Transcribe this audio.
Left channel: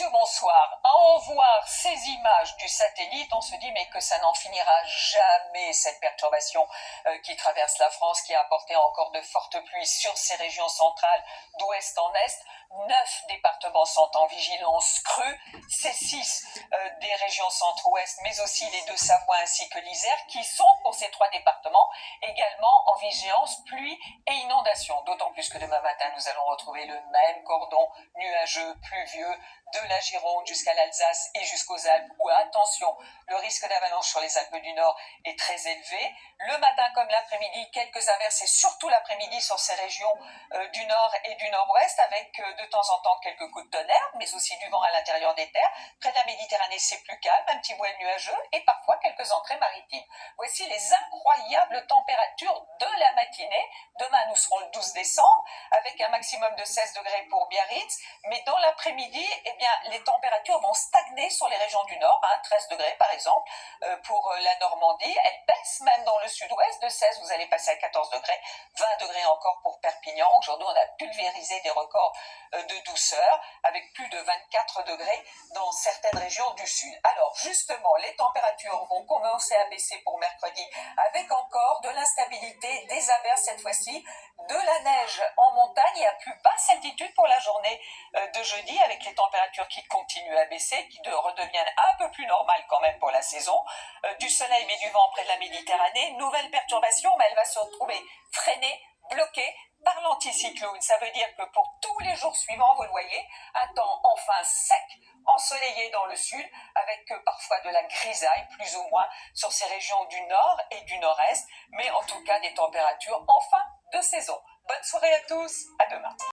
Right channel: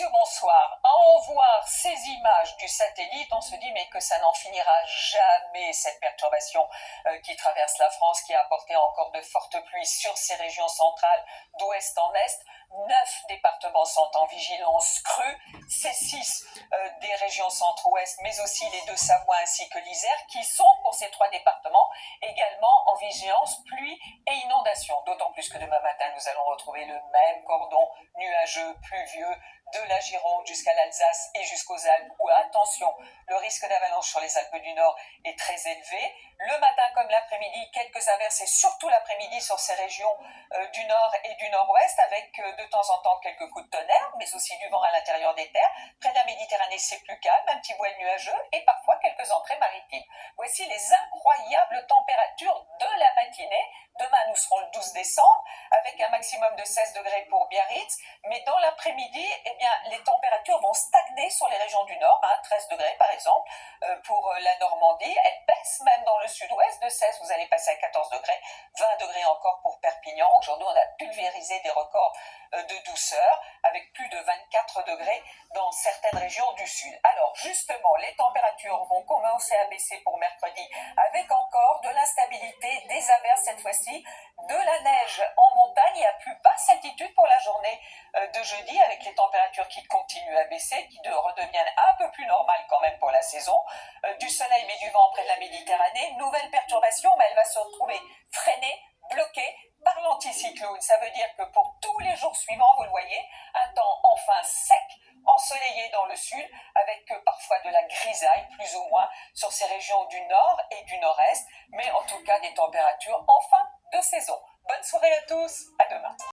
Messieurs, bonsoir. À en voir ces images du satellite, on se dit mais que ça n'en finira jamais, cette perturbation qui traverse la France, qui a apporté encore de fortes pluies sur ces régions centrales d'ouest en est. 9 départements sont en vigilance crue, c'est 6 des régions centre-ouest, mais aussi les deux Savoie ainsi que l'Isère, qui sont pour ces 3 départements également en vigilance pluie et inondation. D'autant plus que demain matin, nous allons retrouver le même cordon nuageux, pluvieux, de la Gironde jusqu'à l'Alsace et jusqu'aux Alpes, où, attention, le risque d'avalanche sur les Alpes du Nord est très élevé. Le matin comme l'après-midi, quelques averses et surtout l'après-midi sur ces régions du Nord et du Nord-Ouest, avec de temps en temps quelques coups de tonnerre, mais aussi du vent à l'intérieur des terres. Près de la Méditerranée, c'est plus calme, un petit voile nuageux et parfois quelques entrées maritimes. Voici les incroyables températures de la matinée. Demain, nous serons le 12 décembre, avec un maximum de 16 degrés pour Biarritz, mais dans l'après-midi, eh bien, les températures vont stagner sur les régions du Nord, 13 degrés par exemple, pour la Normandie. Elles baissent même dans le sud-ouest, de 16, vous allez passer à 14 degrés, 20 degrés encore pour Perpignan. Aujourd'hui, on a pulvérisé des records de douceur, avec plus de 24 degrés dans certaines régions du sud. Alors, justement, les températures vont commencer à baisser pour mercredi, avec encore de l'instabilité, des averses cette fois-ci, de la neige en montagne et à plus basse altitude pour la journée de jeudi, avec les températures qui continuent à baisser, qui redeviennent un peu plus normales quand même pour la saison. Du soleil mais du vent près de la Méditerranée. Nouvelle perturbation, mais elle va se retrouver freinée, bloquée par l'anticyclone. Ça veut dire que pour tous les jours suivants, vous le voyez, un temps enfin sec, ensoleillé dans le sud, avec parfois de la grisaille, plus ou moins, sur ces régions du nord et du nord-est, mais en tout cas des températures enfin de saison. Bonne soirée à tous, à demain.